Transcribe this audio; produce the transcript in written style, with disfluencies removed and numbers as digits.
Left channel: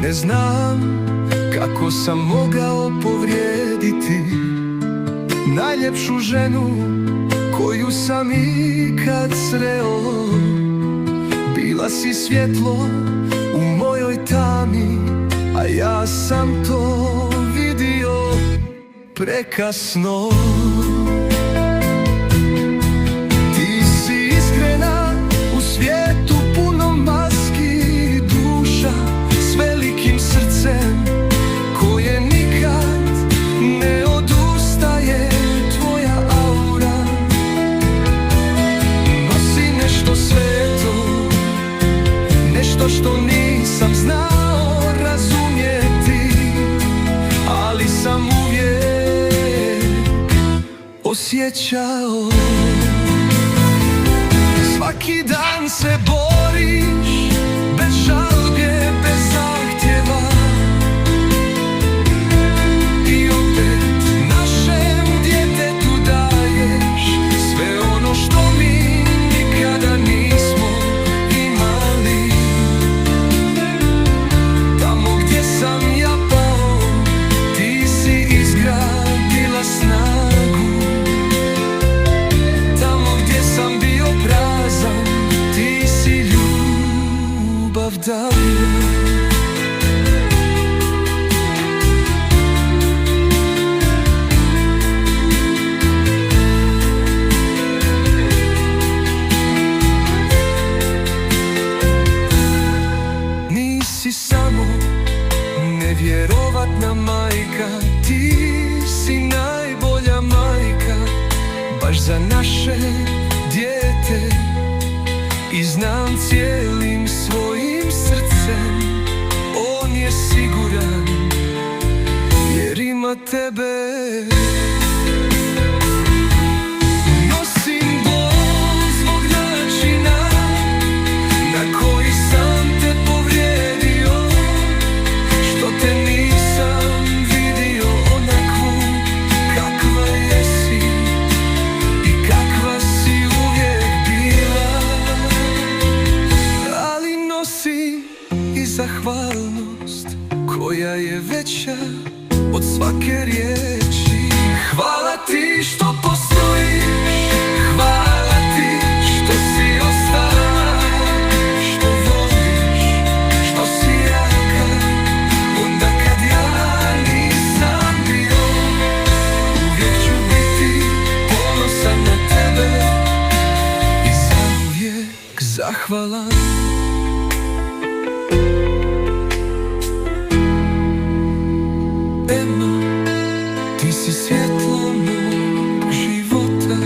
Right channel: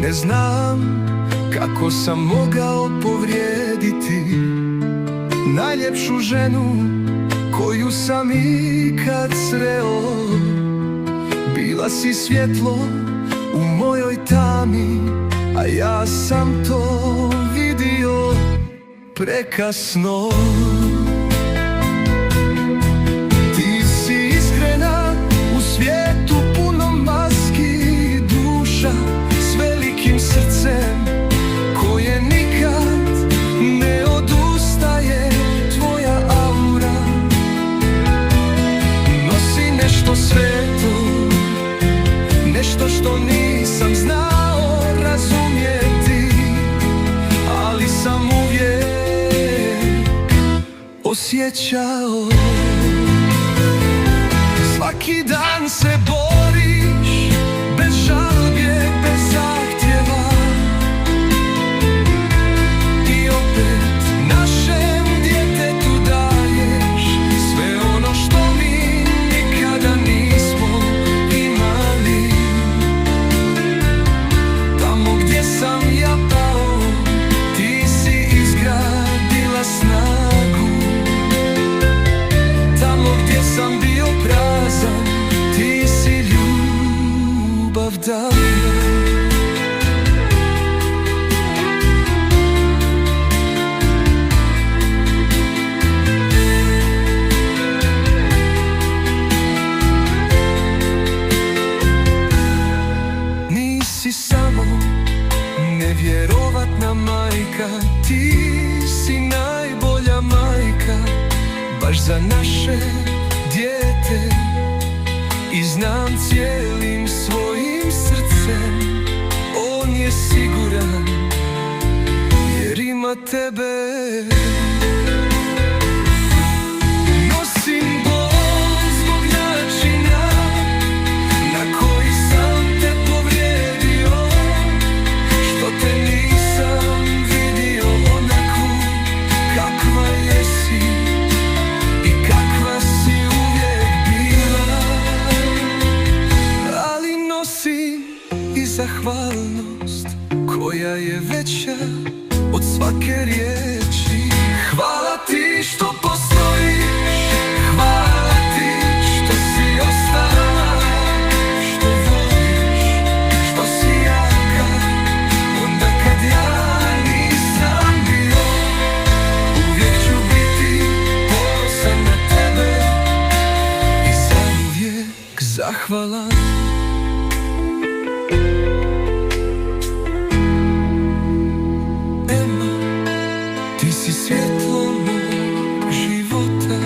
Ne znam kako sam mogao povrijediti najljepšu ženu koju sam ikad sreo. Bila si svjetlo u mojoj tami, a ja sam to vidio prekasno. Ti si iskrena u svijetu puno maski, duša s velikim srcem koje nikad ne odustaje. Tvoja aura nosi nešto sveto, nešto što nisam znao razumjeti, ali sam uvijek osjećao. Svaki dan se boriš, bez žalbe, bez zahtjeva, i opet našem djetetu daješ sve ono što mi nikada nismo imali. Tamo gdje sam ja pao, ti si izgradila snagu. Tamo gdje sam bio prazan, ti si ljubav davila. Nisi samo nevjerovatna majka, ti si najbolja majka baš za naše dijete. I znam cijelim svojim srcem, on je siguran jer ima tebe. Nosim bol zbog načina na koji sam te povrijedio, što te nisam vidio onakvu kakva jesi i kakva si uvijek bila. Ali nosim i zahvalnost koja je veća od svake riječi. Hvala ti što postojiš, hvala ti što si ostala, što voliš, što si jaka onda kad ja nisam bio. Uvijek ću biti ponosan na tebe i zauvijek zahvalan. Ema, ti si svjetlo mog života.